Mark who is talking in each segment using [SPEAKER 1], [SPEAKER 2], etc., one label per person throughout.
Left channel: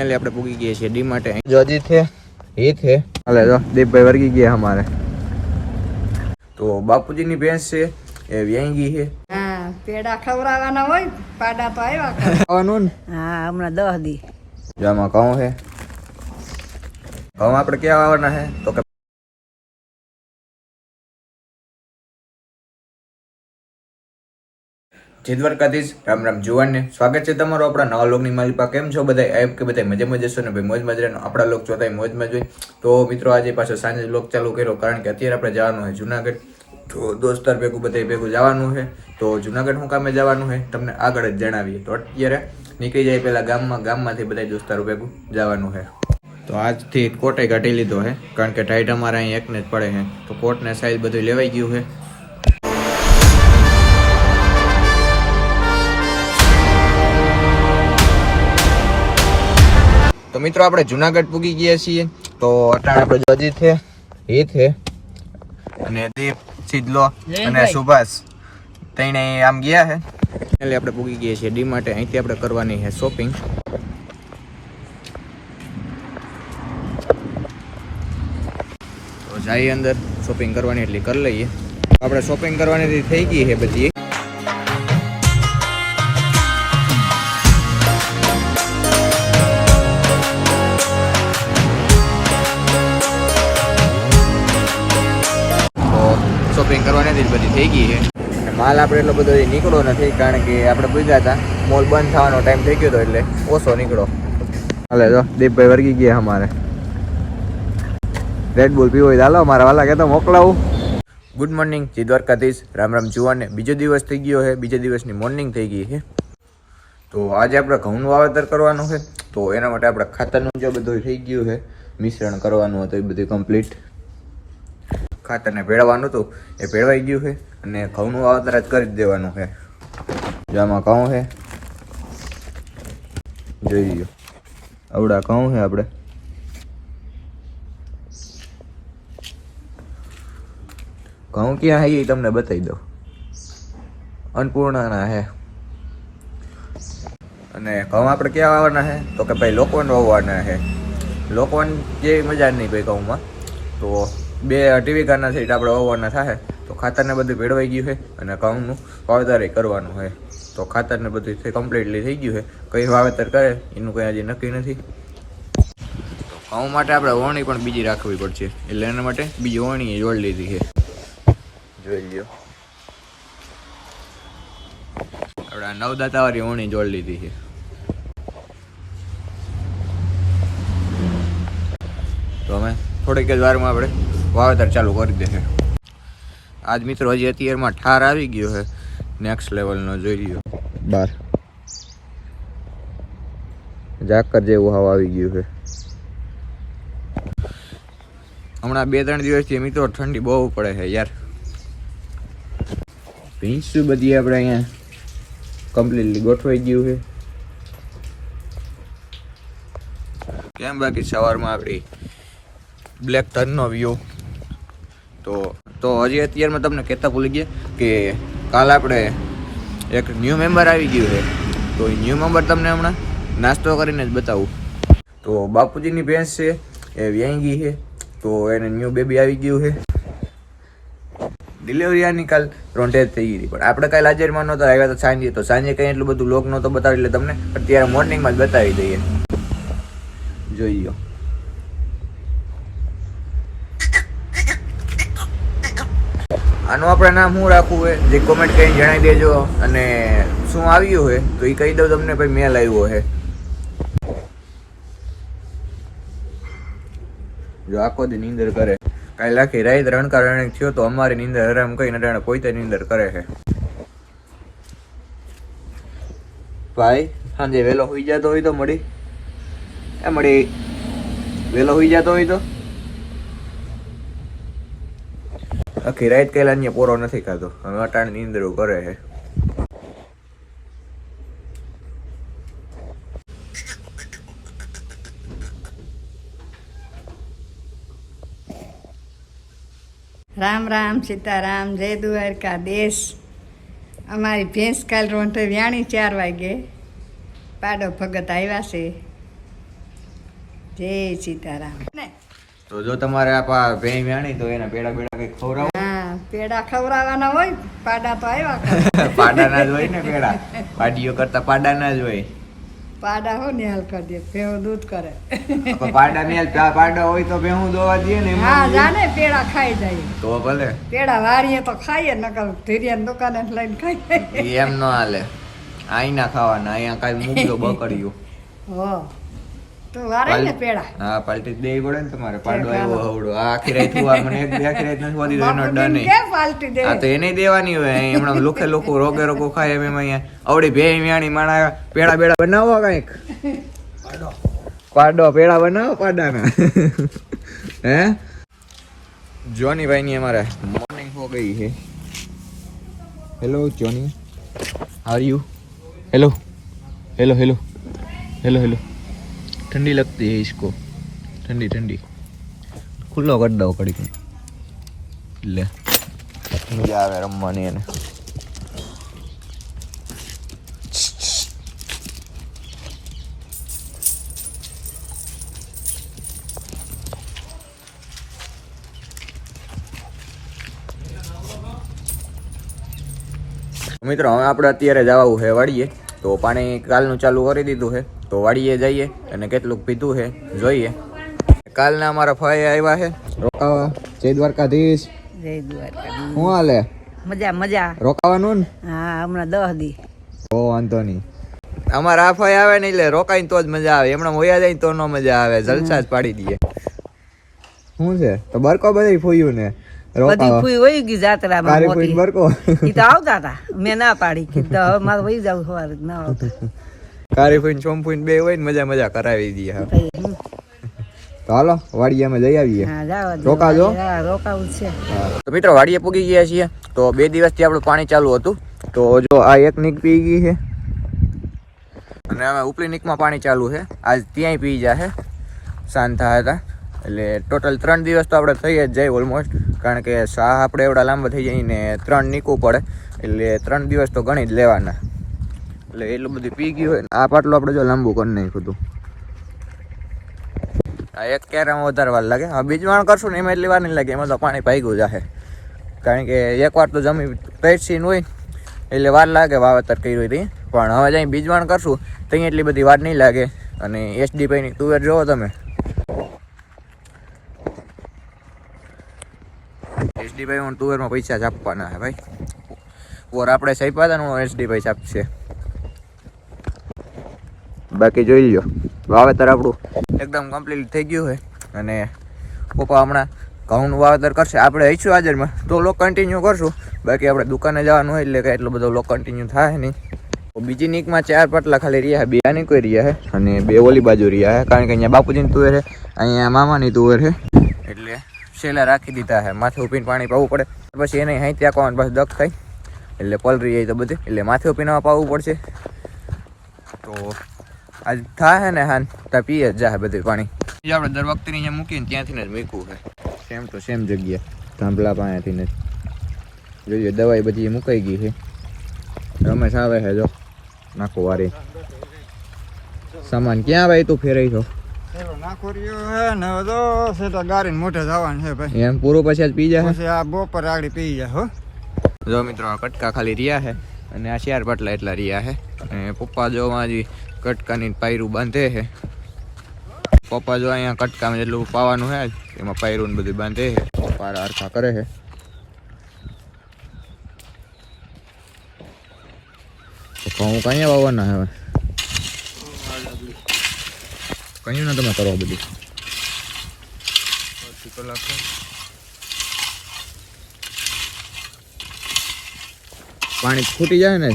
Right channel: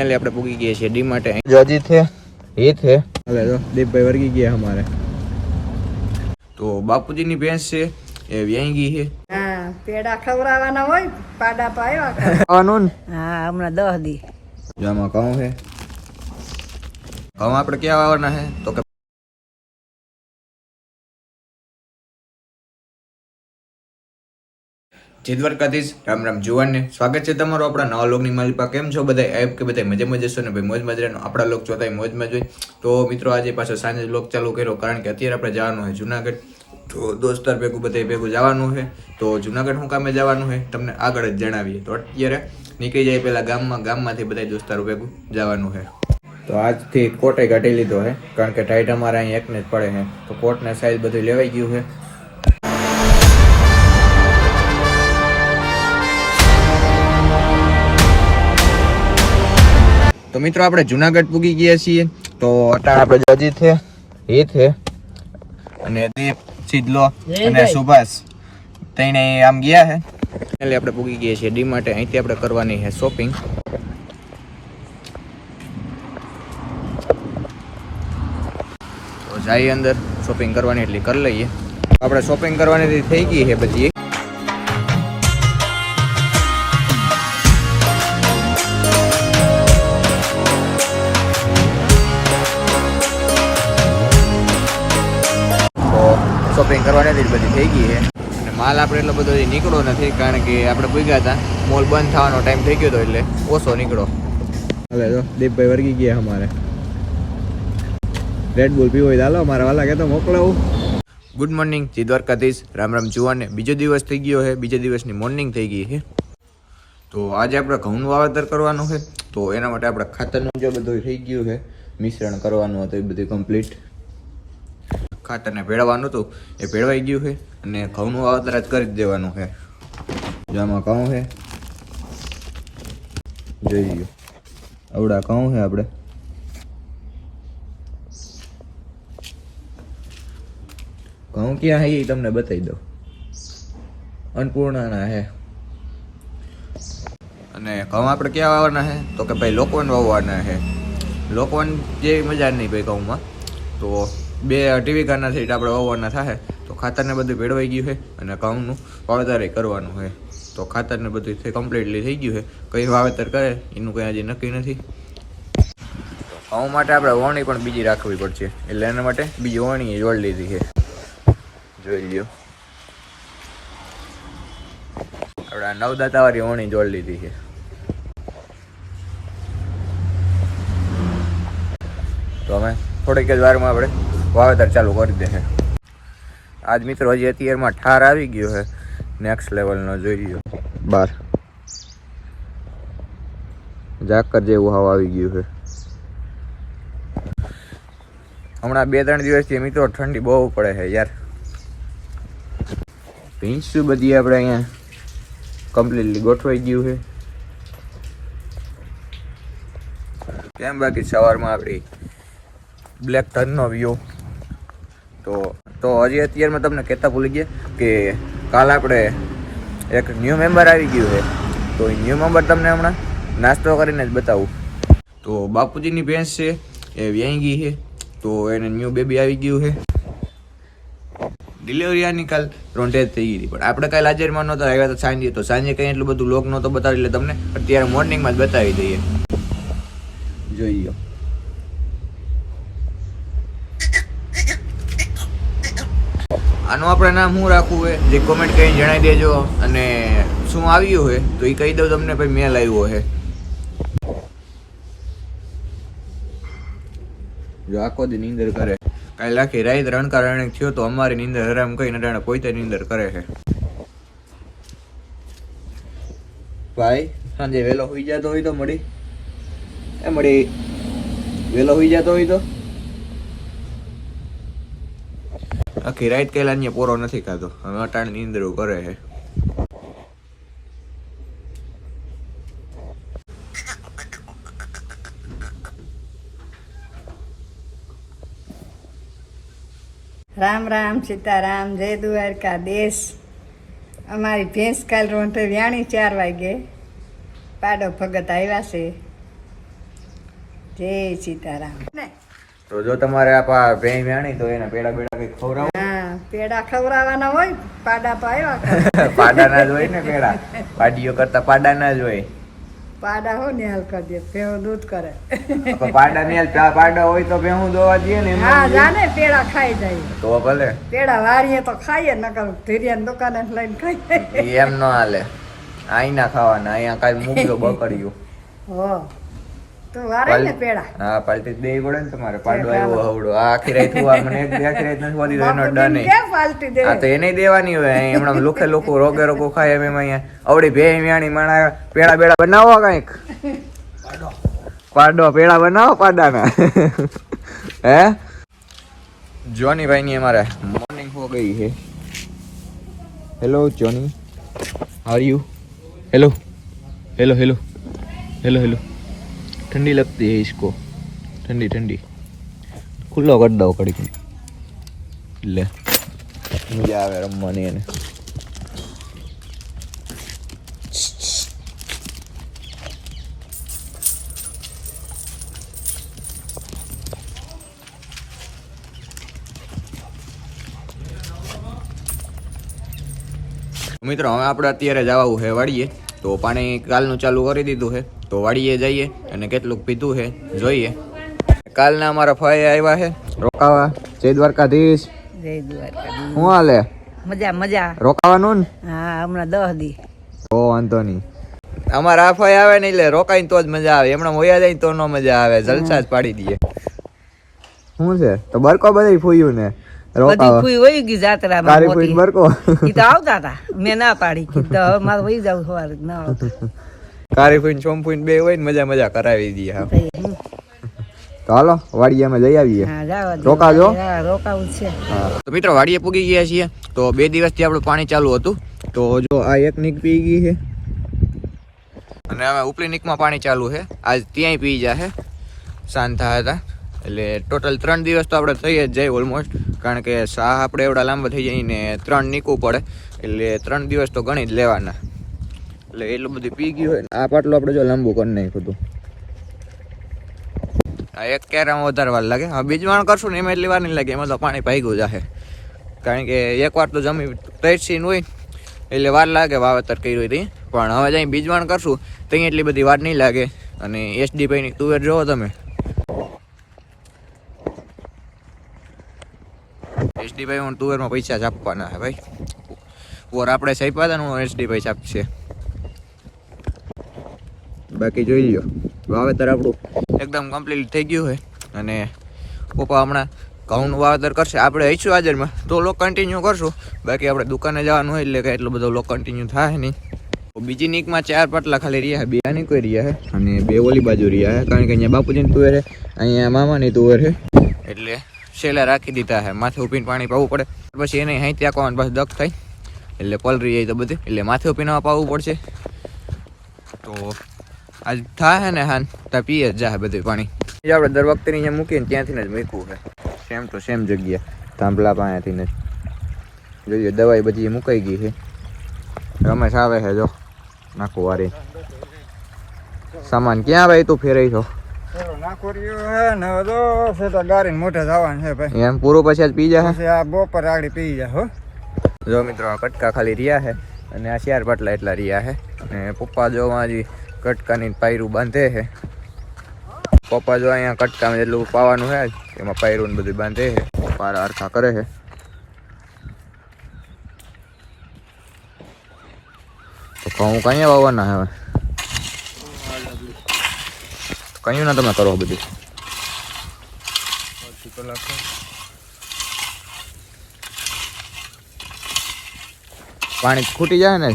[SPEAKER 1] Finally આપણે પૂગી ગયા છીએ ડી માટે જો અજીત છે એ છે હાલે જો દીપભાઈ વર્ગી ગયા અમારે તો બાપુજીની ભેંસ છે એ વ્યાઈ ગઈ છે
[SPEAKER 2] હા પેડા ખવડાવવાના હોય પાડા તો આવ્યા કરે.
[SPEAKER 1] ખાવાનું ને
[SPEAKER 2] હા હમણાં દસ દી
[SPEAKER 1] જો આમાં ઘઉં છે ઘઉં આપણે ક્યાં આવવાના છે તો કે જીતવરકાધીશ રામ રામ જુવાનને સ્વાગત છે તમારું આપણા નવા લોકની માલિપા કેમ છો બધા એપ કે બધા મજામાં છો ને? ભાઈ, મોજ મજરાનો આપણા લોક ચોથાય મોજ મજા તો મિત્રો, આજે પાછો સાંજે લોક ચાલુ કર્યો કારણ કે અત્યારે આપણે જવાનું છે જુનાગઢ. તો દોસ્તાર ભેગું બધા ભેગું જવાનું છે. તો જુનાગઢ શું કામે જવાનું છે? તમને આગળ જ જણાવીએ. તો અત્યારે નીકળી જાય પહેલાં ગામમાં. ગામમાંથી બધા દોસ્તારો ભેગું જવાનું છે. તો આજથી કોટે કાઢી લીધો છે. કારણ કે ટાઈટ અમારે અહીં એકને જ પડે છે. તો કોટને સાઈઝ બધું લેવાઈ ગયું છે. તો મિત્રો આપણે જુનાગઢ પૂગી ગયા છીએ. તો અત્યારે આપણે અજીત છે એ છે. અને દીપ સિદ્ધલો અને સુભાષ. તઈને આમ ગયા છે. એટલે આપણે પૂગી ગયા છીએ. ડી માટે અહીંથી આપણે કરવાની છે શોપિંગ તો જઈએ અંદર શોપિંગ કરવાની એટલી કરી લઈએ. આપણે શોપિંગ કરવાની થઈ ગઈ છે બધી. શોપિંગ બધી થઈ ગઈ છે. અને માલ આપણે એટલો બધો નીકળો નથી, કારણ કે આપણે ભૂગ્યા હતા. મોલ બંધ થવાનો ટાઈમ થઈ ગયો હતો એટલે ઓછો નીકળો હાલે જો, દીપભાઈ વર્ગી ગયા અમારે. રેડ બુલ પીવો તો મારા વાલા કહેતો મોકલાવું. Good morning ji Dwarkadhish. Ram Ram જુવાને બીજો દિવસ થઈ ગયો છે, બીજા દિવસની મોર્નિંગ થઈ ગઈ છે. તો આજે આપણે ઘઉંનું વાવેતર કરવાનું છે. તો એના માટે આપણે ખાતરનું જે બધું થઈ ગયું છે, મિશ્રણ કરવાનું હતું, એ બધું કમ્પ્લીટ ખાતરને ભેળવાનું હતું, એ ભેળવાઈ ગયું છે અને ઘઉંનું વાવતર જ કરી દેવાનું છે. જો આમાં ઘઉં છે. જોઈ ગયું આવડા ઘઉં છે આપણે. ઘઉં ક્યાં છે એ તમને બતાવી દઉં. અન્નપૂર્ણાના છે. અને ઘઉં આપણે ક્યાં વાવવાના છે? તો કે ભાઈ લોકોન વાવવાના છે. લોકવન જેવી મજા નહીં ભાઈ ઘઉંમાં. તો બે અઢી વીઘાના સીટ આપણે વાવવાના થાય તો ખાતરને બધું ભેળવાઈ ગયું છે અને ઘઉંનું વાવેતર કરવાનું છે. તો ખાતરને બધું થઈ કમ્પ્લીટલી થઈ ગયું છે. કઈ વાવેતર કરે, એનું કંઈ હજી નક્કી નથી. તો ઘઉં માટે આપણે વણી પણ બીજી રાખવી પડશે. એટલે એના માટે બીજી વણી જોડી લીધી છે. જોઈ લો આપણે નવદાતાવાળી વણી જોડી લીધી છે. તો અમે થોડીક જ વારમાં આપણે વાવેતર ચાલુ કરી દે છે. આજ મિત્રો હજી અત્યારમાં ઠાર આવી ગયો છે. નેક્સ્ટ લેવલનો જોઈ લ્યો. બાર. ઝાકર જેવું હવા આવી ગયું છે. હમણાં બે ત્રણ દિવસથી મિત્રો ઠંડી બહુ પડે છે યાર. ભીંસું બધી આપણે અહીંયા કમ્પ્લીટલી ગોઠવાઈ ગયું છે. કેમ બાકી સવારમાં આપણી બ્લેક ટનનો વ્યૂ તો તો હજી અત્યારમાં તમને કહેતા ભૂલી ગયા કે કાલ આપણે એક ન્યૂ મેમ્બર આવી ગયું છે. તો એ ન્યૂ મેમ્બર તમને હમણાં નાસ્તો કરીને જ બતાવું. તો બાપુજીની ભેંસ છે, એ વ્યાઈ ગઈ છે, તો એને ન્યૂ બેબી આવી ગયું છે. ડિલિવરી આની કાલ રોંઢે જ થઈ ગઈ પણ આપણે કાલ હાજરમાં નહોતા આવ્યા તો સાંજે તો સાંજે કંઈ એટલું બધું લોક નહોતો બતાવ્યું, એટલે તમને અત્યારે મોર્નિંગમાં જ બતાવી દઈએ. જોઈ લો. આનું આપણે નામ શું રાખવું હોય જે કોમેન્ટ કરીને જણાવી દેજો. અને શું આવ્યું હોય તો એ કહી દઉં તમને, ભાઈ મેલ આવ્યો છે જો આખો દી નીંદર કરે. કાલે લાખી રાત રણકાર રણક થયો તો અમારી નીંદર હરામ કઈ નટાણે પોતે નીંદર કરે છે ભાઈ, સાંજે વહેલો હોઈ જતો હોય તો મળી. એ મળી વહેલો હોઈ જતો હોય તો? આખી રાઈટ કહેલા અહીંયા પોરો નથી ખાતો. હવે અટાણ નીંદરો કરે છે.
[SPEAKER 2] રામ રામ સીતારામ જય દ્વારકા દેશ. અમારી ભેંસ કાલ રોંઢે વ્યાણી ચાર વાગે. પાડો ભગત આવ્યા છે. જય સીતારામ.
[SPEAKER 1] તો જો તમારે આ પા ભેં વ્યાણી તો એના પેડા બેડા કઈ ખવડાવો.
[SPEAKER 2] પેડા ખવડાવવાના હોય પાડા તો આવ્યા
[SPEAKER 1] પાડાના જ હોય ને પેડા. પાડીઓ કરતા પાડાના જ હોય.
[SPEAKER 2] પાડા હો ને હાલ કરી દે ભેવ દૂધ કરે.
[SPEAKER 1] તો પાડા ની પાડા હોય તો ભેહું દોવા દઈએ ને
[SPEAKER 2] હા જાને પેડા ખાઈ જાય.
[SPEAKER 1] તો ભલે.
[SPEAKER 2] પેડા વારીએ તો ખાઈએ નકર ધીરિયાની દુકાને લઈને ખાઈએ
[SPEAKER 1] એમ ન હાલે. આઈ ના ખાવાના અહીંયા કાઈ મૂકજો બકડ્યું
[SPEAKER 2] હો. તો વારે ને પેડા.
[SPEAKER 1] હા પાલટી દેવી પડે ને તમારે. પાડો આવ્યો હવડો. આ આખી રાત હું મને એક બે આખી રાત નથી હોતી એનો ડર નહીં.
[SPEAKER 2] પાલટી દે
[SPEAKER 1] આ તો એને દેવાની હોય. અહીં હમણાં લુખે લોકો રોગે રોગો ખાય એમ અહીંયા. આવડી ભે વ્યાણી માણા પેડા બેડા બનાવો કંઈક? પાડો. પેડા બનાવો પાડાના. હે? જોની ભાઈ ની અમારે મોર્નિંગ હો ગઈ છે. Hello Johnny. Are you hello hello hello hello hello ठंडी लगती है इसको ठंडी ठंडी ખુલ્લો કરી દો કડી લે મજા આવે રમવાની એને મિત્રો હવે આપણે અત્યારે જવાનું છે વાડીએ તો પાણી કાલનું ચાલુ કરી દીધું છે તો વાડીએ જઈએ અને કેટલુંક પીધું છે જોઈએ. કાલના અમારા ફાઈ આવ્યા છે. રોકાવા. જય દ્વારકાધીશ.
[SPEAKER 2] જય દ્વારકા
[SPEAKER 1] હું હાલે?
[SPEAKER 2] મજા મજા.
[SPEAKER 1] રોકાવાનું ને?
[SPEAKER 2] હા હમણાં દહ દી.
[SPEAKER 1] ઓ વાંધો નહીં. અમારા આ ફાઈ આવે ને એટલે રોકાઈને તો જ મજા આવે. એમણે મોયા જાય તો નો મજા આવે. જલસા જ પાડી દઈએ. શું છે? તો બરકો બધી ફૂયું ને?
[SPEAKER 2] બધી ફૂઈ વહી ગઈ જાત્રામાં
[SPEAKER 1] કારી
[SPEAKER 2] મોટી.
[SPEAKER 1] બરકો?
[SPEAKER 2] ઈ તો આવતા હતા મેં ના પાડી. તો હવે મારે વહી જાવ સવારે ના આવતું.
[SPEAKER 1] કારી ફૂઈ સોમ ફૂઈ બે હોય ને મજા મજા કરાવી દઈએ હા. તો હાલો વાડિયામાં જઈ આવીએ. રોકાજો.
[SPEAKER 2] રોકાવું છે.
[SPEAKER 1] તો મિત્રો વાડીએ પૂગી ગયા છીએ. તો બે દિવસથી આપણું પાણી ચાલુ હતું. તો જો આ એક નીક પી ગઈ છે. અને હવે ઉપલી નીકમાં પાણી ચાલુ છે. આજ ત્યાંય પી જશે શાંત થયા હતા. એટલે ટોટલ ત્રણ દિવસ તો આપણે થઈ જ જાય ઓલમોસ્ટ કારણ કે શાહ આપણે એવડા લાંબા થઈ જાય ને ત્રણ નીકવું પડે. એટલે ત્રણ દિવસ તો ગણી જ લેવાના. એટલે એટલું બધું પી ગયું હોય આ પાટલું આપણે જો લાંબુ કરી નાખ્યું હતું. આ એક કેરામાં વધારે વાર લાગે. હવે બીજવાણ કરશું ને, એમાં એટલી વાર નહીં લાગે, એમાં તો પાણી પાઈ જાહે. કારણ કે એક વાર તો જમી તૈસીન હોય એટલે વાર લાગે વાવેતર કર્યું હતી. પણ હવે જઈ બીજવાણ કરશું ત્યાં એટલી બધી વાર નહીં લાગે. અને એસડીપીની તુવેર જોવો તમે. એસડી ભાઈ હું તુવેરમાં પૈસા જ આપવાના હે ભાઈ. ઓર આપણે સાઈપા હતા ને એસડી ભાઈ છાપશે બાકી જોઈ લો વાવેતર આપણું એકદમ કમ્પ્લીટ થઈ ગયું છે. અને પપ્પા હમણાં ઘઉંનું વાવેતર કરશે. આપણે હઈશું હાજરમાં તો લોક કન્ટિન્યુ કરશું. બાકી આપણે દુકાને જવાનું હોય એટલે કે એટલો બધો લોક કન્ટિન્યુ થાય નહીં. બીજી નીકમાં ચાર પાટલા ખાલી રહ્યા બે આની કોઈ રહ્યા છે. અને બે ઓલી બાજુ રહ્યા છે. કારણ કે અહીંયા બાપુજીની તુવેર છે, અહીંયા મામાની તુવેર છે. એટલે શેલા રાખી દીધા છે. માથે ઉપીને પાણી પાવું પડે. પછી એને અહીં ત્યાં બસ દખ થાય એટલે પલરી જાય તો બધે. એટલે માથે ઉપીને પાવું પડશે. તો આજ થાય ને હાન ત્યાં પીએ જ જાય બધું પાણી. જે આપણે દર વખતે અહીંયા મૂકીને ત્યાંથી જ મૂકવું છે સેમ તો સેમ જગ્યા થાંભલા પાણીથી જ. જોઈએ દવાઈ બધી મુકાઈ ગઈ છે. રમેશ આવે છે જો નાખો વારી. સામાન ક્યાં ભાઈ તું ફેરાઈ છો
[SPEAKER 3] ને હો?
[SPEAKER 1] જો મિત્રો આ કટકા ખાલી રહ્યા છે અને આ શિયાર પાટલા એટલા રહ્યા છે અને પપ્પા જો હજી કટકાની પાયરું બાંધે છે. પપ્પા જો અહીંયા કટકામાં જેટલું પાવાનું છે એમાં પાયરું બધું બાંધે છે. પાર હરખા કરે છે. તો ઘઉં કઅહીંયા વાવવાના હવે? કયું ના તમે કરો બધું? પાણી ખૂટી જાય ને?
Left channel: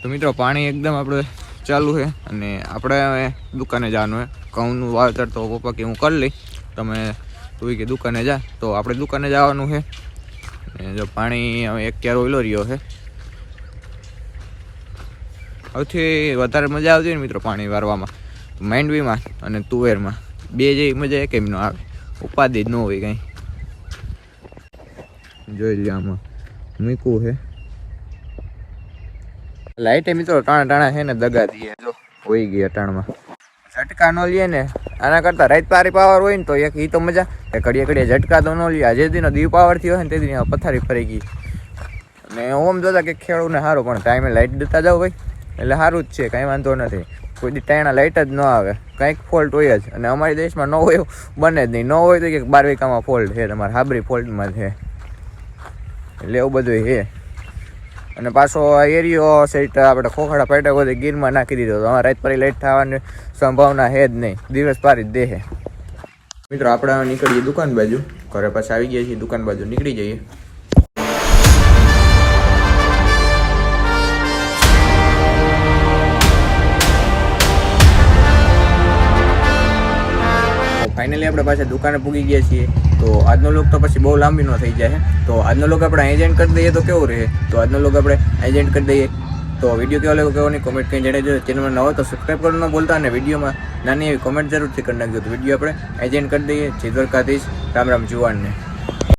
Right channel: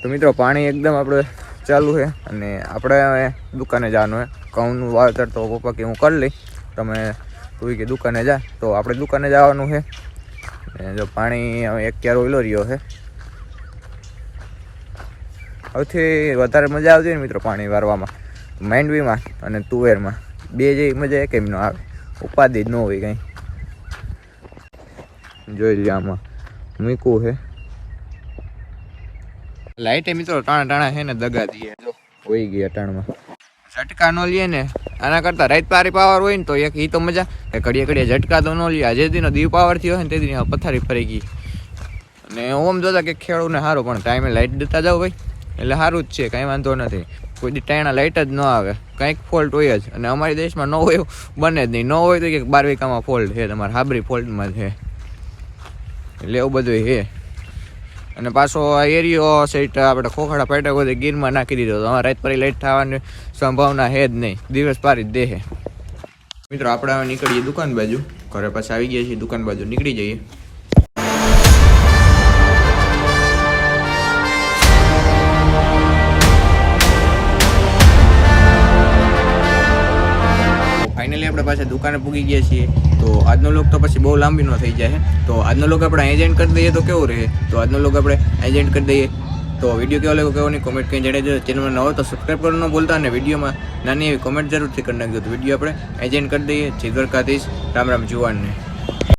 [SPEAKER 1] તો મિત્રો, પાણી એકદમ આપણે ચાલુ છે અને આપણે દુકાને જવાનું છે. ઘઉંનું વાવેતર તો પપ્પા કે હું કરી લઈ તમે તું કે દુકાને જા. તો આપણે દુકાને જવાનું છે. અને જો પાણી હવે એક ક્યારો ઓઈલો રહ્યો છે. સૌથી વધારે મજા આવતી ને મિત્રો પાણી વારવામાં. માંડવીમાં અને તુવેરમાં. બે જેવી મજા એક એમનો આવે. ઉપાધિ જ ન હોય કંઈ. જોઈ લે આમાં. મૂકવું છે. લાઈટે મિત્રો ટાણા ટાણા છે ને દગા દઈએ જો. હોઈ ગયા ટાણમાં ઝટકા નો લઈએ ને. આના કરતા રાત પારી પાવર હોય ને તો એક ઈ તો મજા. એ ઘડીએ ઘડીએ ઝટકા તો ન લઈએ આજે દીનો દીવ પાવર થયો હોય ને તે દી આ પથારી ફરી ગઈ. અને ઓમ જોતા કે ખેડૂને સારું પણ ટાઈમે લાઈટ દેતા જાવ ભાઈ. એટલે સારું જ છે, કાંઈ વાંધો નથી. કોઈ દી ટાણા લાઈટ જ ન આવે. કંઈક ફોલ્ટ હોય જ. અને અમારી દેશમાં ન હોય, બને જ નહીં. ન હોય તો કે બાર વીકામાં ફોલ્ટ છે, તમારે હાબરી ફોલ્ટમાં છે. એટલે એવું બધું છે. અને પાછો એરિયો સેટ આપણે ખોખડા પેટા બધે ગીરમાં નાખી દીધો તો રાત પરી લેટ થવાની સંભાવના છે જ નહીં. દિવસ પારી જ દેહે. મિત્રો, આપણે નીકળીએ દુકાન બાજુ. ઘરે પાછા આવી ગયા છીએ, દુકાન બાજુ નીકળી જઈએ. ફાઇનલી આપણે પાછા દુકાને પૂગી ગયા છીએ. તો આજનો લોક તો પછી બહુ લાંબી નો થઈ જાય તો આજનો લોક આપણે એજન્ટ કરી દઈએ તો કેવું રહે? તો આજનો લોક આપણે એજન્ટ કરી દઈએ. તો વીડિયો કેવો લાગ્યો કેવો નહીં કોમેન્ટ કંઈ જણાવજો. ચેનલમાં નવો તો સબસ્ક્રાઈબ કરવાનું ન ભૂલતા અને વિડીયોમાં નાની એવી કોમેન્ટ જરૂરથી કરી નાખજો. તો વીડિયો આપણે એજન્ટ કરી દઈએ. જય દ્વારકાધીશ. રામ રામ જુવાનને.